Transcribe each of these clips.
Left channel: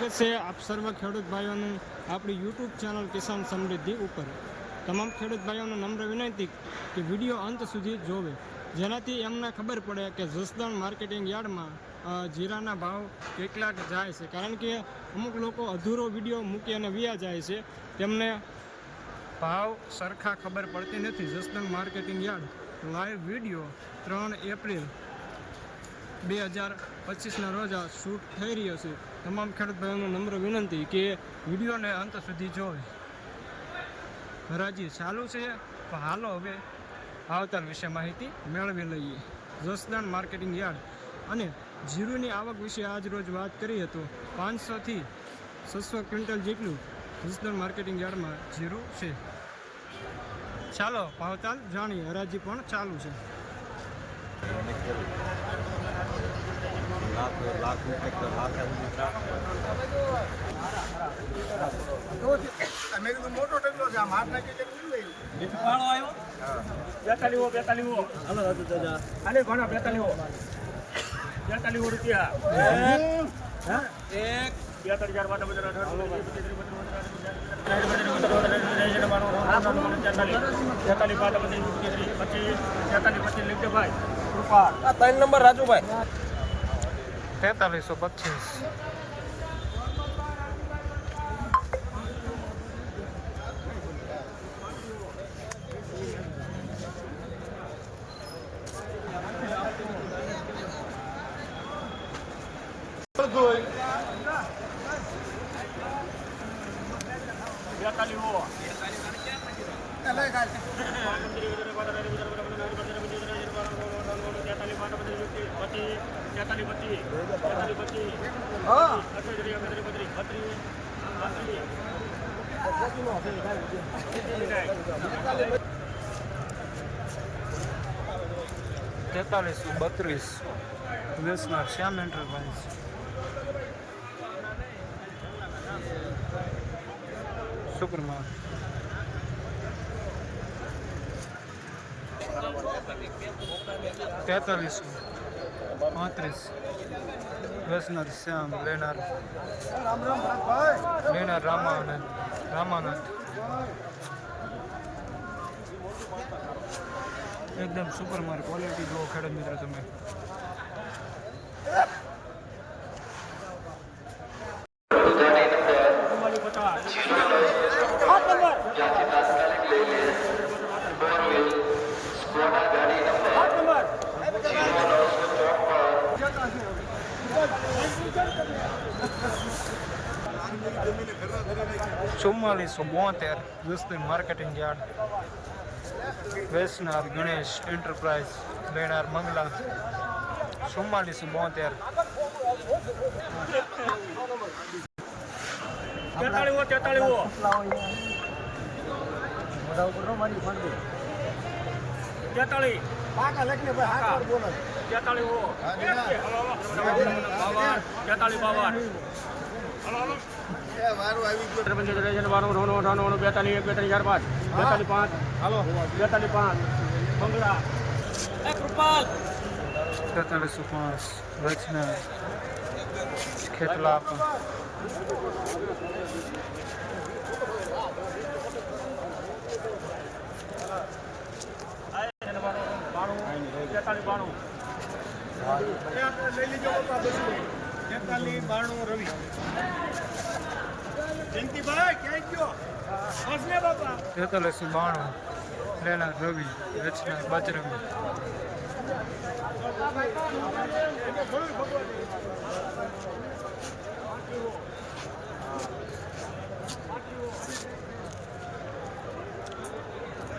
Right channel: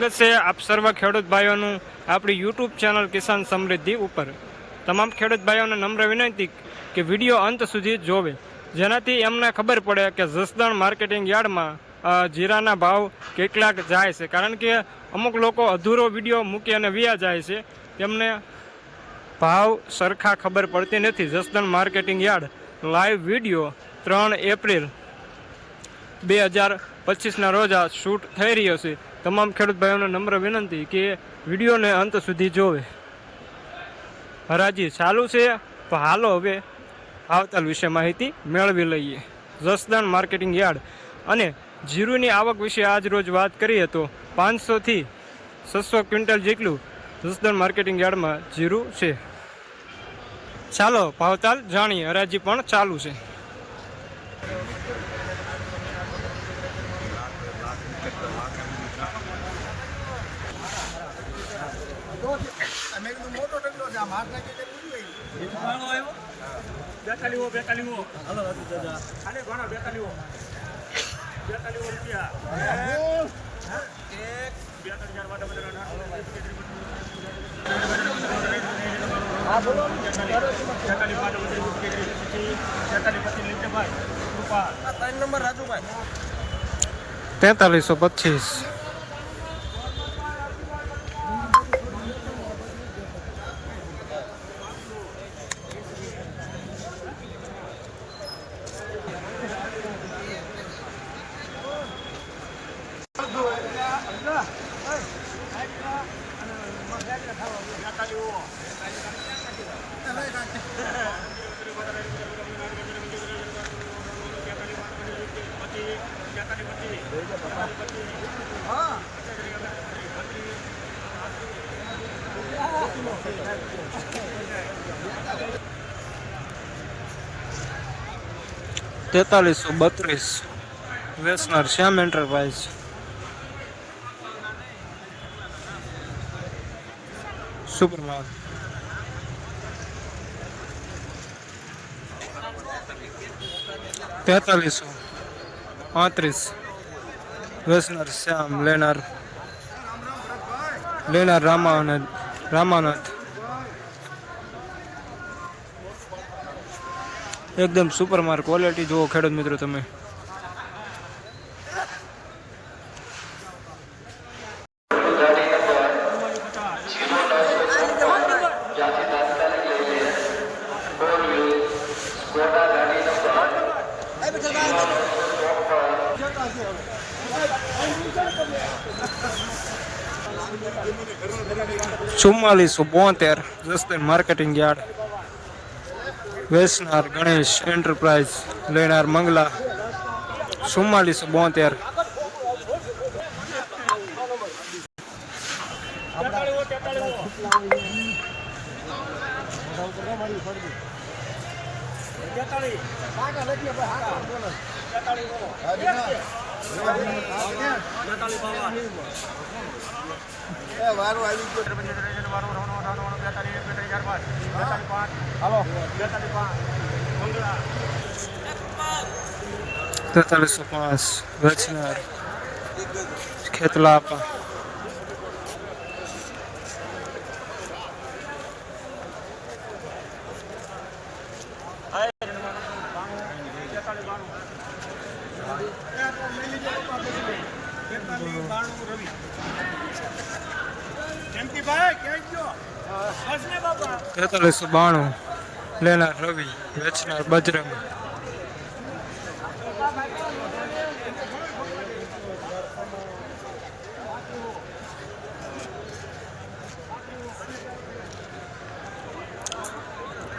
સ્વાગત છે આપ સર્વ ખેડૂત ભાઈઓનું આપણી યુટ્યુબ ચેનલ કિસાન સમૃદ્ધિ ઉપર. તમામ ખેડૂત ભાઈઓને નમ્ર વિનંતી કે વીડિયો અંત સુધી જોવે. જેનાથી એમને ખબર પડે કે જસદણ માર્કેટિંગ યાર્ડમાં જીરાના ભાવ કેટલાક જાય છે. કારણ કે અમુક લોકો અધૂરો વીડિયો મૂકી અને વ્યા જાય છે. તેમને ભાવ સરખા ખબર પડતી નથી. Jasdan marketing yard live video ત્રણ એપ્રિલ બે હજાર પચીસના રોજ આ શૂટ થઈ રહ્યો છે. તમામ ખેડૂત ભાઈઓને નમ્ર વિનંતી કે વિડીયોને અંત સુધી જોવે. હરાજી ચાલુ છે તો હાલો હવે આવતાલ વિશે માહિતી મેળવી લઈએ. જસદાન માર્કેટિંગ યાર્ડ અને જીરુની આવક વિશે આજ રોજ વાત કરીએ તો પાંચસોથી છસો ક્વિન્ટલ જેટલું જસદાન માર્કેટિંગ યાર્ડમાં જીરું છે. ચાલો, ભાવતાલ જાણીએ, હરાજી પણ ચાલુ છે. મોટો ઢગલો છે. આમ હાથ નાખી આવ્યું. બેતાલીવો બેતાલીવો હાલો દાદુ દાદા. ખાલી ઘણો બેતાલીવો બેતાલીવો રૂપિયા. એક બેતાલીસ હજાર માટે બધા બેતાલીસ બાદ પચીસ બેતાલીસ પચીસ લીધો ભાઈ રૂપા આ ત્રણ નંબર રાજુભાઈ તેતાલીસો પચીસ બેતાલીવો એટલે કાંઈ બેતાલીસ બાદ પચીસ બેતાલીસ પચીસ બેતાલીસ પચીસ હા તેતાલીસો બત્રીસ. વેસનાર શ્યામ એન્ટરપ્રાઇઝ સુપર માલ તેતાલીસો પાંત્રીસ વેસનાર શ્યામ લેનાર લેનાર રામાનંદ રામાનાથ એકદમ સુપર માર ક્વોલિટી જુઓ ખેડૂત મિત્રો તમે. ચુમ્માલીસો બોતેર જસદણ માર્કેટિંગ યાર્ડ વેસનાર ગણેશ એન્ટરપ્રાઇઝ લેનાર મંગલા ચુમ્માલીસો બોતેર તેતાલીવો તેતાલીવો મોઢા ઉપર ન મારી ફંડ દે તેતાલીસ કાકા લખીને ભાઈ હાથ પર બોલે છે. તેતાલીવો બાવન તેતાલીસ બાવન એ વારો આવી ગયો બેતાલીસ બેતાલીસ ચાર પાંચ બેતાલીસ પાંચ હાલો બેતાલીસ પાંચ તેતાલીસો પાંચ વેચનાર ખેતલા આપા એ આપણે લઈ લીજો પપ્પા બધું તેતાલીસ બાણું રવિ તેતાલીસો બાણું લેનાર રવિ વેચનાર બજરંગ.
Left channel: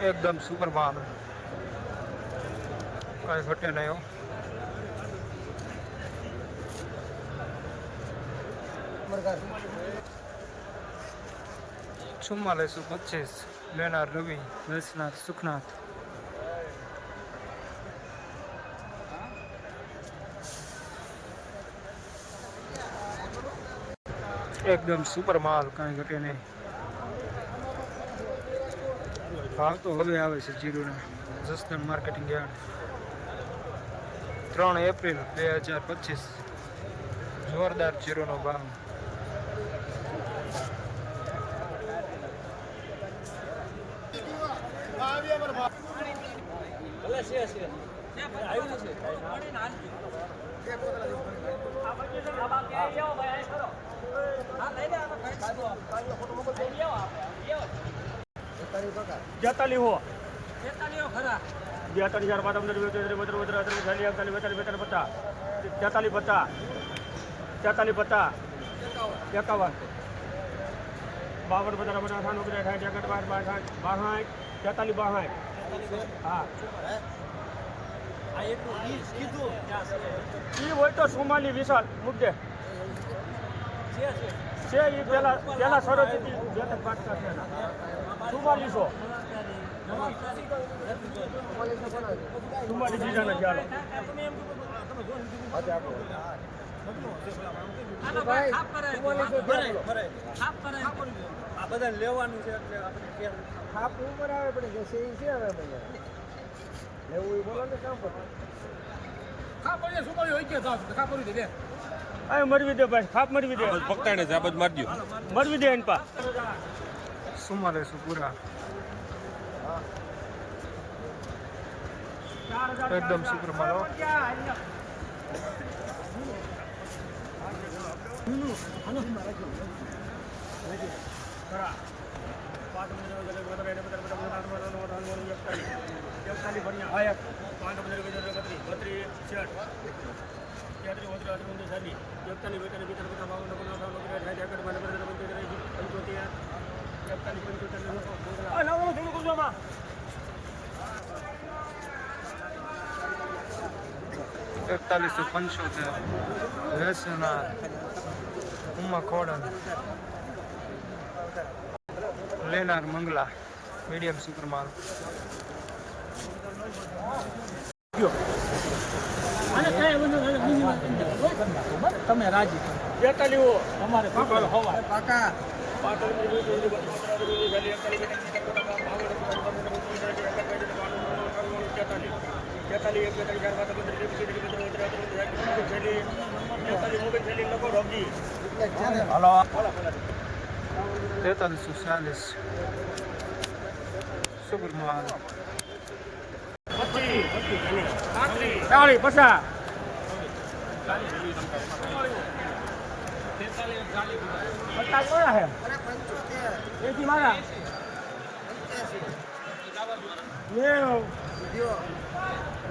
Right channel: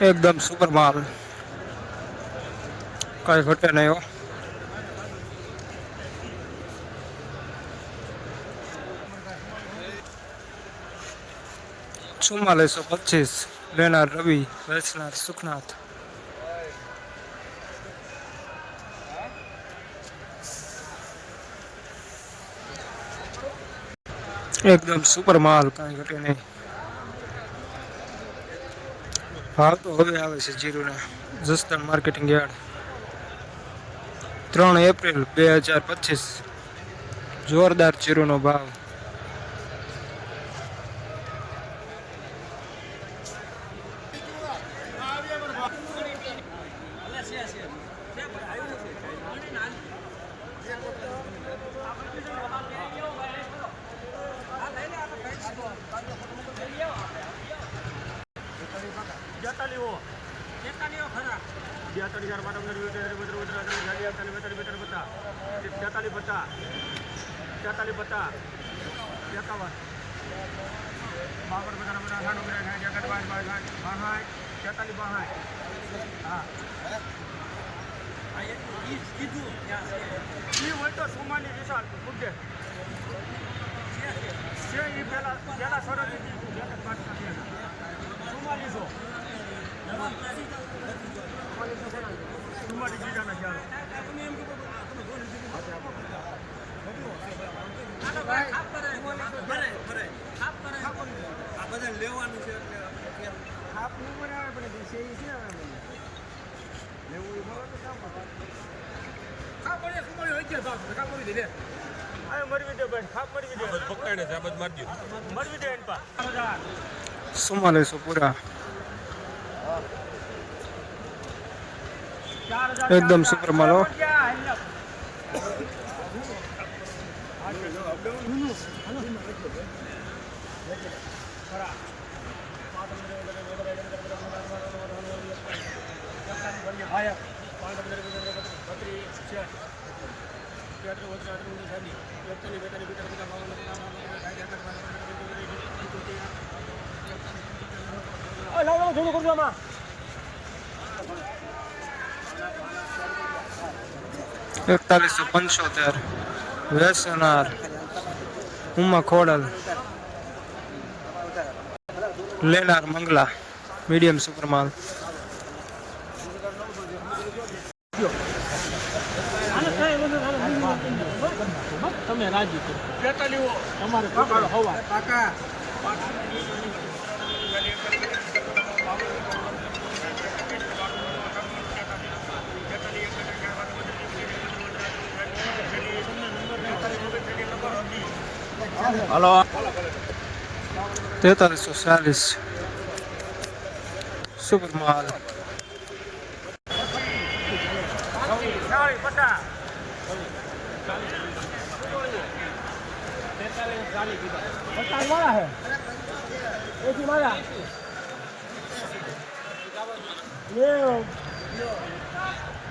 એકદમ સુપર માલ કઈ ઘટે નહીં ચુમ્માલીસો પચીસ લેનાર રવિ, વેચનાર સુખનાથ. એકદમ સુપર માલ કાંઈ ઘટે નહીં. ભાવ તો હવે આવે છે જીરુને, જસદણ માર્કેટિંગ યાર્ડ. ત્રણ એપ્રિલ બે હજાર પચીસ. જોરદાર જીરુનો ભાવ. હો. બેતાલીસ હજાર બાદ અંદર બેતાલીસ અડતાલીસ બેતાલીસ બેતાલીસ પચાસ. તેતાલીસ પચાસ. તેતાલીસ પચાસ. એકાવન. બાવન પચાસ અઠાણું ઓગણીસ સાઠ એકસઠ બાર બાર સાઠ બાસઠ તેતાલીસ બાસઠ હા. એ હોય તો સોમાની વિશાળ મુદ્દે. છે. એ પેલા પેલા સરસ્વતી ચુમ્માલીસો ચુમ્માલીસ બીજાના ચાલો બાપ ઉપર આવે પણ જે છે એ છે. આ મરવી દે ભાઈ ખાપ મરવી દે. પકડાને સાબત મારજો મરવી દે એન પા ચુમ્માલીસો પૂરા? એકદમ સુપર માલ લાવ લાવ જોડું કરજો હમણાં એકતાલીસો પંચોતેર. વેસનાર ઉમા ખોડલ. લેનાર મંગલા મીડિયમ સુપર માલ તમે હલો તેતાલીસો ચાલીસ સુપર માલ એથી મારા એંસી નેવ લ્યો. નેવ એ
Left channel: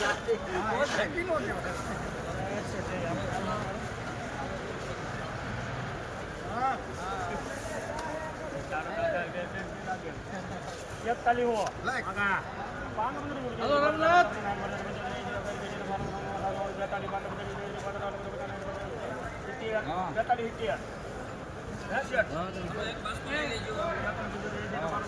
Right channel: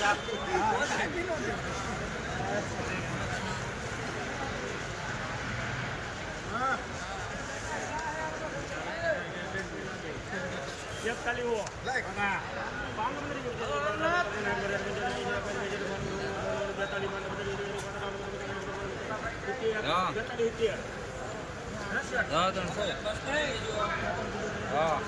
માર્કો ચુમ્માલીસો પાંચ સુપર માલ એકતાલીસ હો લાય. હા હા.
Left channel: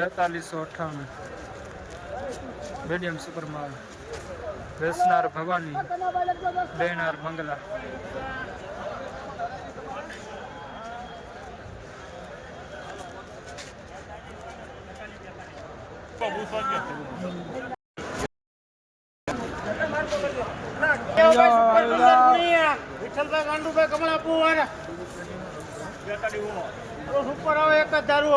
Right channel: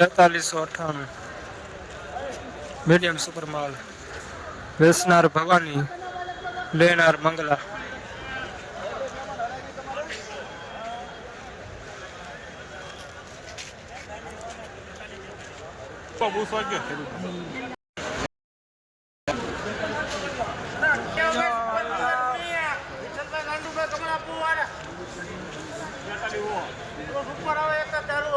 બેતાલીસો અઠ્ઠાણું મીડિયમ સુપર માલ વેસનાર ભવાની લેનાર મંગલા વિઠ્ઠલભાઈ ગાંડુભાઈ કમલાપુર ઉપર આવે એક જ દારૂ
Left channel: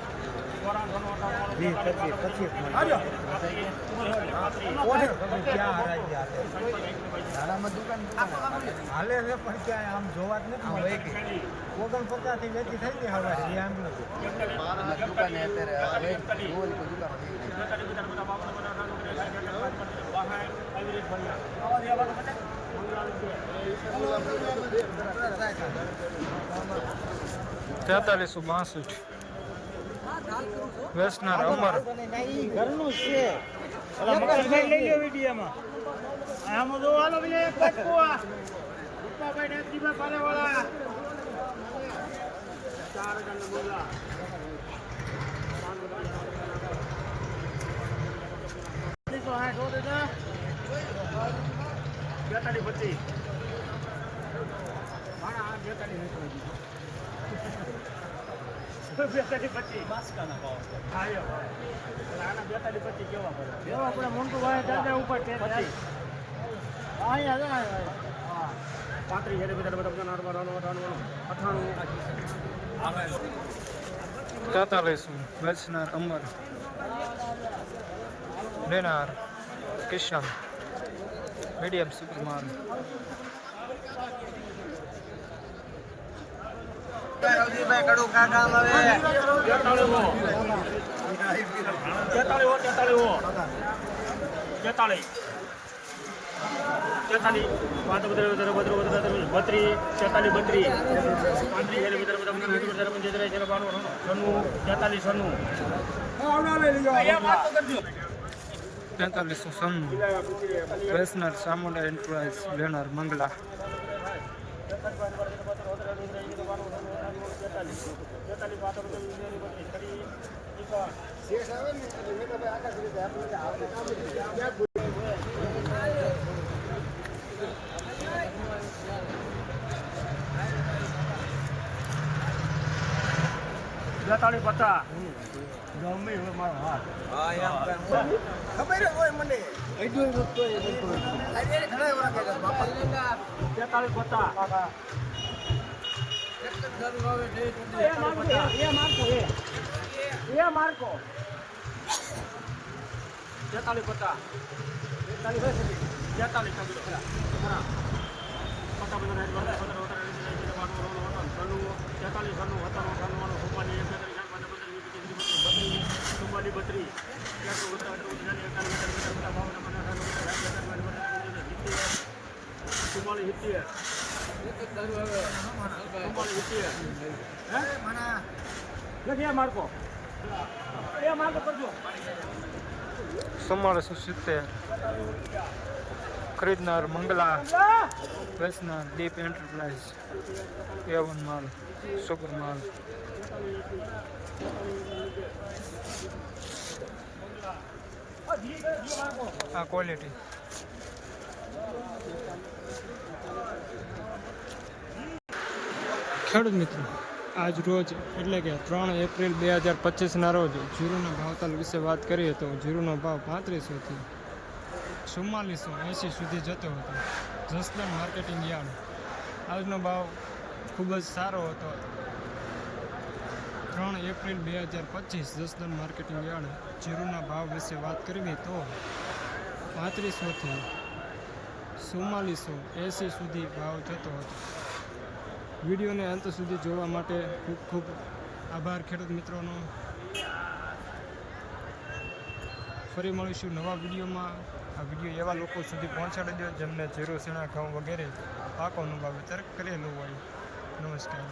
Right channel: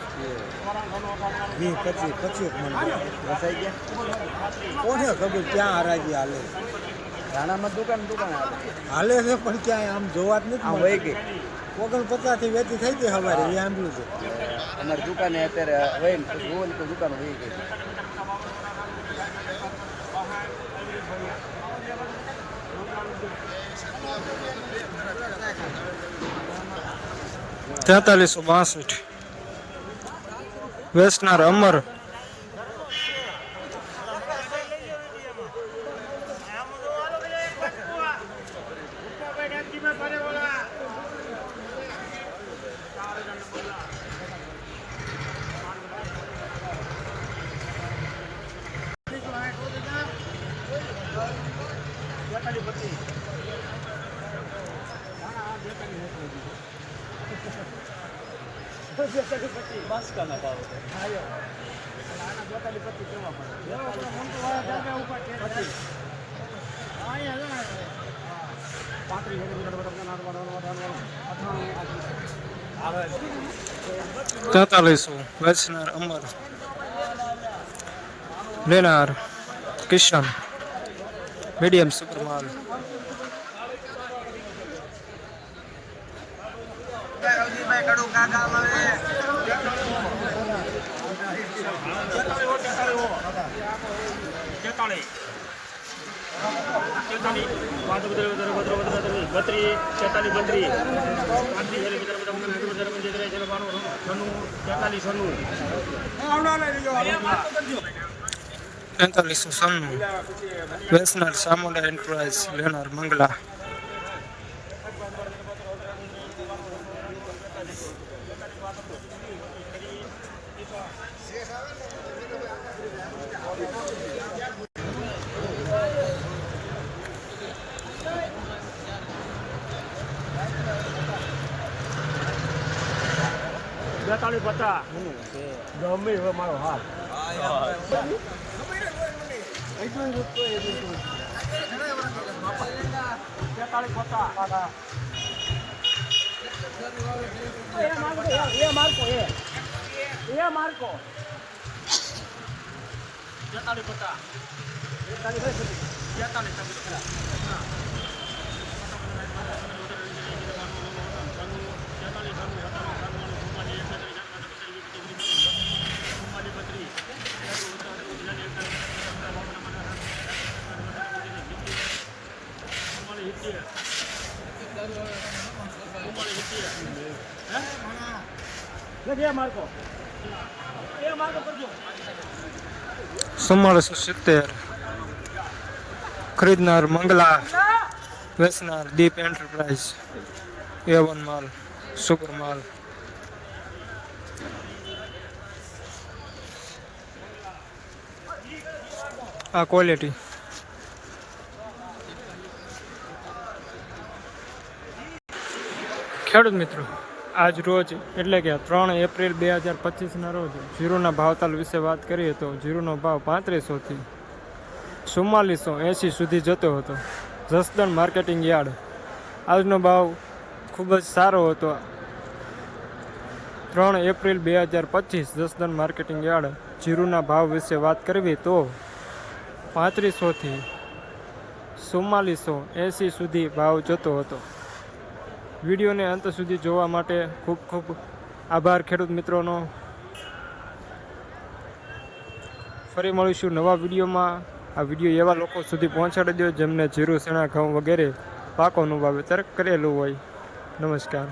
એટલે કેટલા ખોટી ફૂટ પકડીએ. મારા ખરા હાલે છે પણ ક્યાંય આમ જોવા જ નથી મળતું. ઓગણ પચાસથી વેચી થઈ ગઈ હવારે એ આંબલું છે દુકાને અત્યારે હોય ને ભૂલ કે દુકાન હોય આવા જેવા તેતાલીસો બાસઠ વેસનાર અમર. ઘરનું જ છે લઈ લો વિડીયોમાં આમાં જો હાલો બીજા એક વસ્તુ આ રૂપાભાઈ ગાંધીમાં કરે વાળા બેતાલીસ પચીસ હા હા બેતાલીસ બેતાલીસ પચીસ હા યો. એટલે આના બેતાલીસ પચીસ કેવા પડે આપણે મોટું વાય દાદા ઉપર પચીસ અહીંયા પાંત્રીસ હજાર બધા બધા બધા નાનવાનું નાનવાનું અઠાણું લઈશું વેસનાર અમર, લેનાર કિશન, મીડિયમ સુપર માલ તેતાલીસ પાંચ બધા બત્રીસ તેતાલીસ બત્રીસ પાંત્રીસ વેસનાર સામુંડા એન્ટરપ્રાઇઝ લેનાર મંગલા બેતાલીસ પચાસ ગમે હવે મારો હા. ખબર જ હોય મને. એટલું એટલું એવા કહેતા બાપા. તેતાલીસ પચાસ માર્કો તેતાલીસ પચાસ તેતાલીસ ભાઈ સુધી તેતાલીસ પચાસ ચુમ્માલીસ ચુમ્માલીસ બત્રીસ સિત્તેર. ખરીદનાર મંગલા વેસનાર દીપ એન્ટરપ્રાઇઝ એવન માલ સુપર માલ. આ ક્વોલિટી ખેડૂત મિત્રો, આજ રોજ એટલે કે ત્રણ એપ્રિલ બે હજાર પચીસના રોજ જીરુના ભાવતાલ વિશે વાત કરીએ તો જીરુનો ભાવ પાંત્રીસોથી ચુમ્માલીસો એંસી સુધી જતો હતો. Jasdan marketing yard. આજનો ભાવ ખૂબ જ સારો હતો. ત્રણ એપ્રિલ બે હજાર પચીસ જસદણ માર્કેટિંગ યાર્ડ જીરુના ભાવ વિશે વાત કરવી તો પાંત્રીસોથી ચુમ્માલીસો એંસી સુધી ભાવ જતો હતો. વિડીયોને અંત સુધી જોવા માટે ખૂબ ખૂબ આભાર, ખેડૂત મિત્રોનો. ફરી મળીશું નવા વિડીયોમાં. આ વીડિયો એવા લોકો સુધી પહોંચાડી દો જેમને જીરું શેણા ઘઉં વગેરે પાકોનું વાવેતર કરેલું હોય. નમસ્કાર.